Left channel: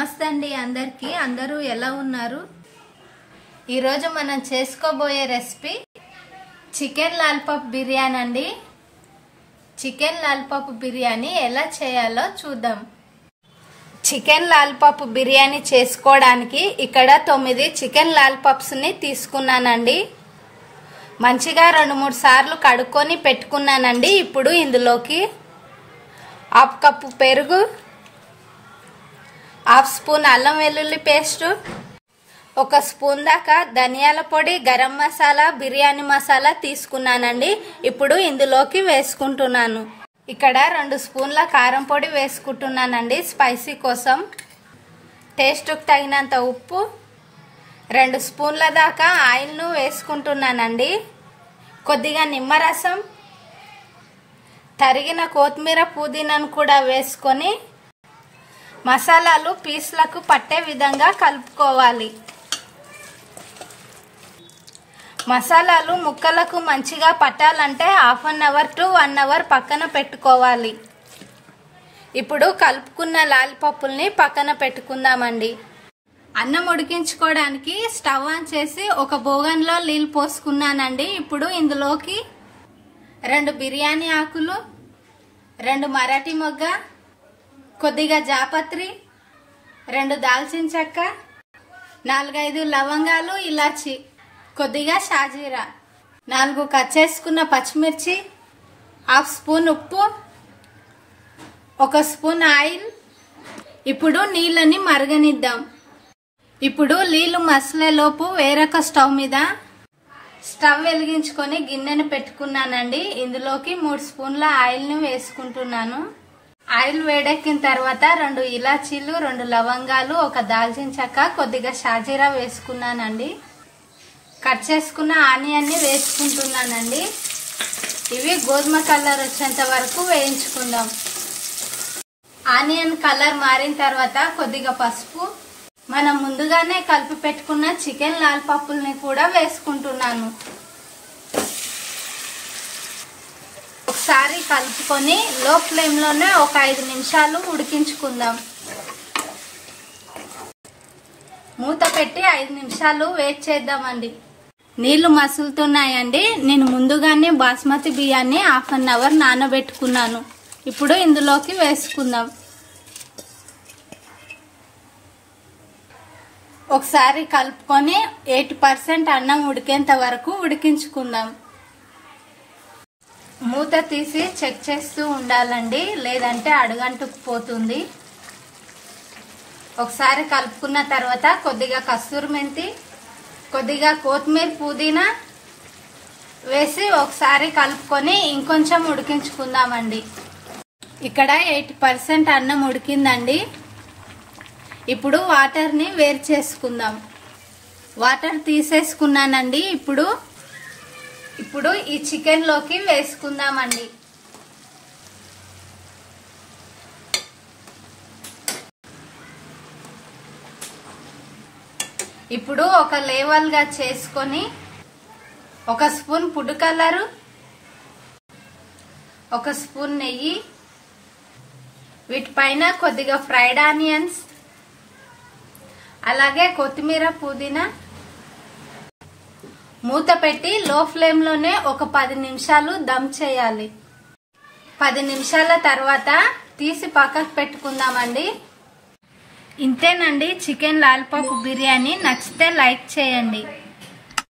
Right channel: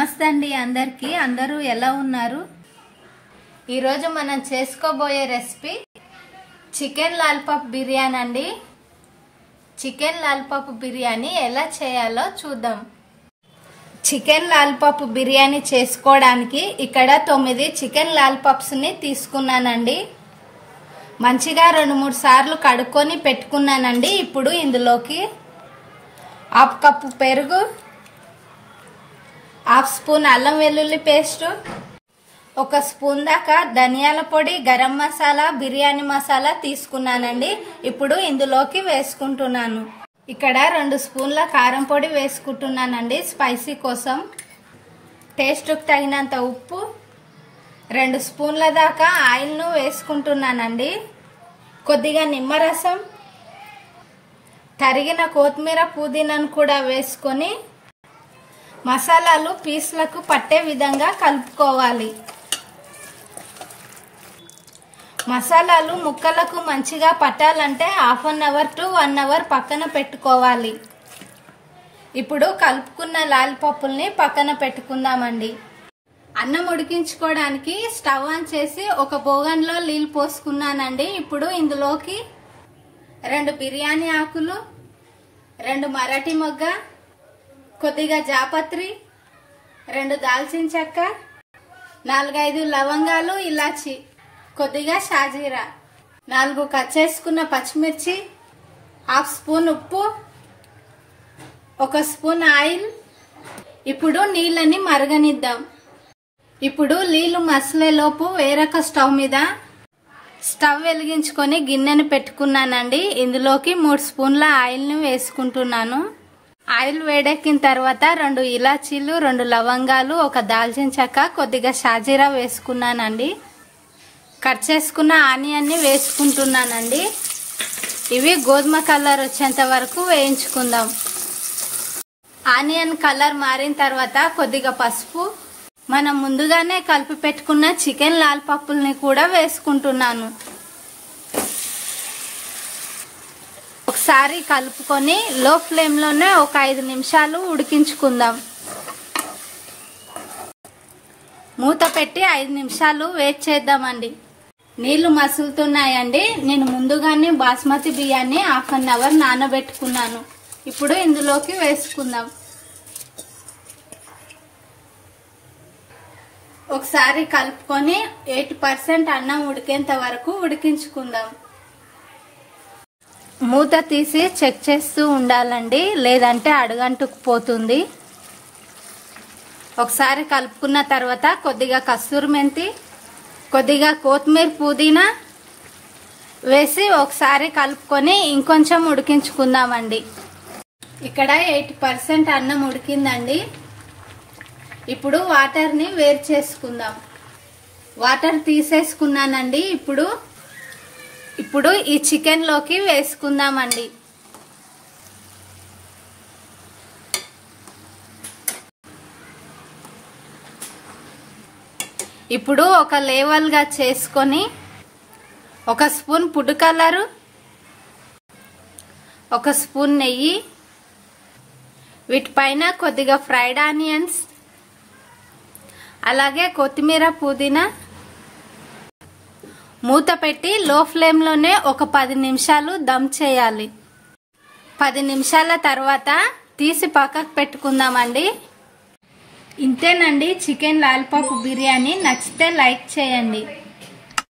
నమస్తే అండి అందరికీ. అందరూ ఎలా ఉన్నారు? ఈరోజు మనం చేసుకోబోయే రెసిపీ చికెన్ లాలిపాప్ బిర్యానీ అండి. చికెన్ లాలిపాప్ బిర్యానీ ఎలా చేయాలో చూద్దాం. చికెన్ లాలిపాప్ బిర్యానీ చేసుకోవడానికి ఇక్కడ 9 చికెన్ లాలిపాప్స్ ని తీసుకున్నానండి. మంచిగా 2-3 సార్లు కడుక్కొని పెట్టుకున్నానండి. ఇప్పుడు ఇందులోకి 1/2 కప్పు పెరుగు, 1/2 స్పూన్ అల్లం వెల్లుల్లి పేస్ట్, 1 స్పూన్ దాకా ధనియాల పొడి, గరం మసాలా, బిర్యానీ మసాలా తీసుకున్నానండి. ఇప్పుడు ఇందులోకి వేసుకుంటున్నాను. ఇక్కడ 2 స్పూన్ల కారం పొడి వేసుకుంటున్నానండి స్పైసీ కోసం. టేస్ట్కి తగినంత ఉప్పు, 2 స్పూన్ల దాకా ఆయిల్ను వేసుకుంటున్నానండి. కొద్దిగా నిమ్మరసం, తరిగిన కొత్తిమీర, పుదీనాను కూడా వేసుకొని మసాలాలు పీస్లకు పట్టే విధంగా కలుపుకోవాలి. మసాలాలు ముక్కలకు మంచిగా పట్టాలంటే 1/2 అవర్ to 1 అవర్ పక్కన పెట్టుకోవాలి. ఇప్పుడు కలుపుకున్న లాలిపప్పుల్ని పక్కన పెట్టుకుందామండి. అన్నం ఉడికించుకోవడానికి స్టవ్ ఆన్ చేసి ఒక బోగన్లో నీళ్ళు పోసుకున్నానండి. ఇప్పుడు ఇందులోకి 2 బిర్యానీ ఆకులు, 2 మరాఠీ మొగ్గ, కొద్దిగా జాపత్రి, 2 దాల్చిన చెక్క, 4-5 లవంగాలు, ఇలాచి, కొద్దిగా షాజీరా, 4 కట్ చేసుకున్న పచ్చిమిర్చి, 1/2 స్పూన్ ఉప్పు, 1 స్పూన్ ఆయిల్. ఇప్పుడు నీళ్ళని మరగనిద్దాం. ఇప్పుడు నీళ్లు మసలేలోపు వేరొక స్టవ్ మీద స్టవ్ వెలిగించుకొని గిన్నెను పెట్టుకున్నానండి. ఇందులోకి 3 స్పూన్ల ఆయిల్ని వేసుకుంటున్నాను. ఆయిల్ వేడెక్కిన తర్వాత 2 ఇలాచీలు, 2 లవంగాలు, 1 దాల్చిన చెక్క, కొద్దిగా షాజీరా వేసుకున్నానండి. కట్ చేసుకున్న ఆనియన్ని వేసుకుంటున్నానండి. ఇవి గోధుమ కలర్ వచ్చేంత వరకు వేయించుకుందాం. ఆనియన్ కలర్ మారిన తర్వాత కొద్దిగా పసుపు, మనం ముందుగానే కలిపి పెట్టుకున్న చికెన్ లాలిపప్పుల్ని కూడా వేసుకుంటున్నాను. ఒకసారి కలుపుకొని లో ఫ్లేమ్ లోనే ఒక 5 నిమిషాలు ఉడికించుకుందాం. మూత పెట్టి 5 నిమిషాలు వెయిట్ చేద్దామండి. నీళ్లు మసులుతున్నాయండి. నేను ముందుగానే బాస్మతి బియ్యాన్ని 1/2 అవర్ నానబెట్టుకున్నాను. ఇప్పుడు ఇందులోకి వేసుకుందాం. ఒకసారి కలుపుకొని 80% అన్నం ఉడికేంత వరకు ఉడికించుకుందాం. మూత తీసి చెక్ చేస్తూ ఉండాలండి, లేదంటే అడుగంటుకుపోతుంది. ఒకసారి కలుపుకున్న తర్వాత కొద్దిగా కస్తూరి మెంతి, కొద్దిగా కొత్తిమీర, పుదీనా వేసి ఒకసారి కలుపుకొని ఇంకొంచెం ఉడికించుకుందామండి. ఇక్కడ 80% అన్నం ఉడికిందండి. ఇప్పుడు వాటర్ని వేరు చేసుకుందాం. వాటర్ తీసేసుకున్నానండి. ఇప్పుడు ఈ చికెన్ లోకి వేసుకుందామండి. ఇప్పుడు ఒక లేవల్ గా చేసుకొని 1 స్పూన్ ఫుడ్ కలరు, 1 స్పూన్ నెయ్యి, వీటిపైన కొద్దిగా ఫ్రైడ్ ఆనియన్స్, అలాగే కొత్తిమీర, పుదీనా, మూత పెట్టి లో ఫ్లేమ్ లోనే ఒక 10 నిమిషాలు దమ్ చేయాలి. 10 నిమిషాల తర్వాత తీసి పక్కకు పెట్టుకుందామండి. ఇంతేనండి చికెన్ లాలిపాప్ బిర్యానీ. నచ్చితే లైక్ చేయండి.